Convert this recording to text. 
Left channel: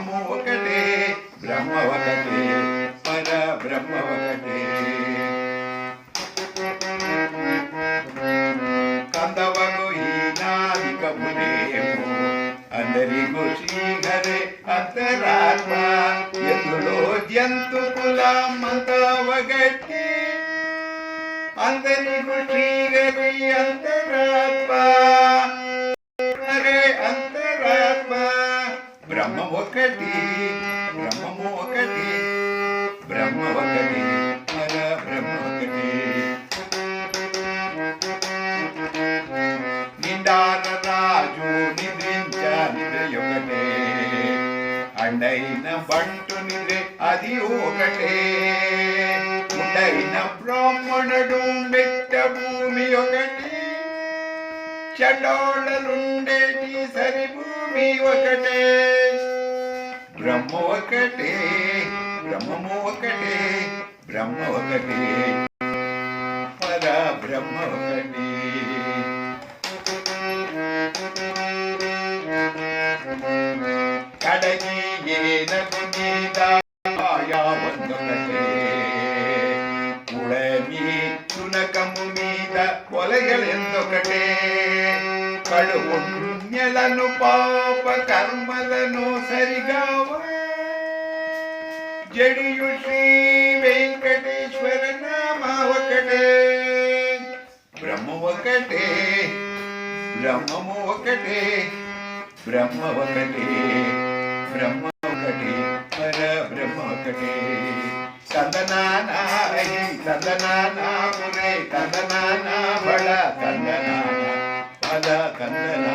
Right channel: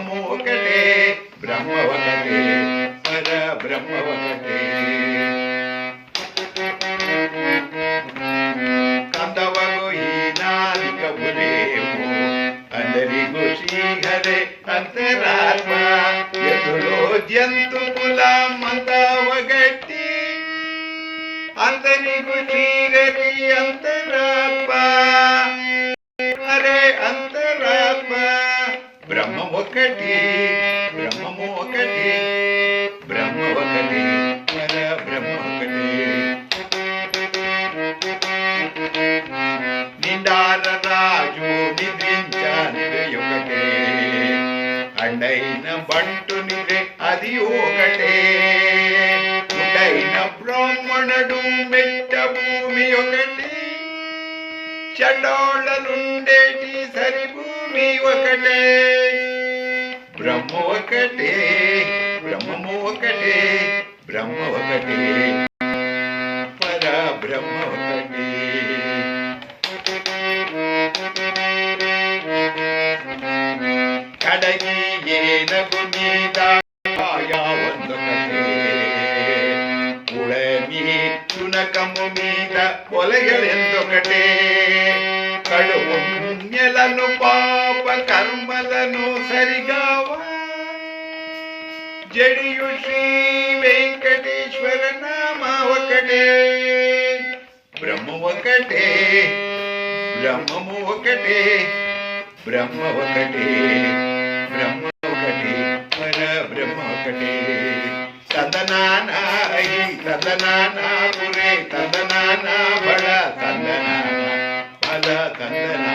బ్రహ్మము ఒకటే బ్రహ్మ ఒకటే పర బ్రహ్మ ఒకటే కందవగు ఈనాదిక పురేము అందరిಗೂ శ్రీహరే అంతరాత్మ ఎదులో జంతు కులమంతా ఒకటి అందరిಗೂ శ్రీహరి అంతరాత్మ హరే అంతరాత్మ బ్రహ్మ ఒకటి బ్రహ్మము ఒకటి బ్రహ్మ ఒకటి పర బ్రహ్మ ఒకటి నిండార రాజు నిద్రించ నిద్రయొకటే అండైన బంటు నిద్ర అది ఒకటే ఉండైన బ్రాహ్మణుడు మెట్ట భూమి ఒకటి చండోళ్ళలుండేటి సరి భూమి ఒకటే బ్రహ్మ ఒకటే బ్రహ్మము ఒకటే బ్రహ్మ ఒకటే పర బ్రహ్మ ఒకటే కడగి ఏనగు మీద ಒಂದೊಕಟೆ ಉಳಮಿ ತುನಕಮು మీద ಒಲಗಳೆಂದೊಕಟೆ కడువు పుణ్యలను పాప కర్మలను సరిగావ జడియు శ్రీ వెంకటేశ్వర నామ ఒకటే బ్రహ్మ ఒకటే బ్రహ్మము ఒకటే బ్రహ్మ ఒకటే బ్రహ్మ ఒకటే పర బ్రహ్మ ఒకటే ತಂದನಾನಾ ತಂದನಾನಾ ಪುರೇ ತಂದನಾನಾ ಬಡ ತಂದನಾನಾ ಪದ ತಂದನ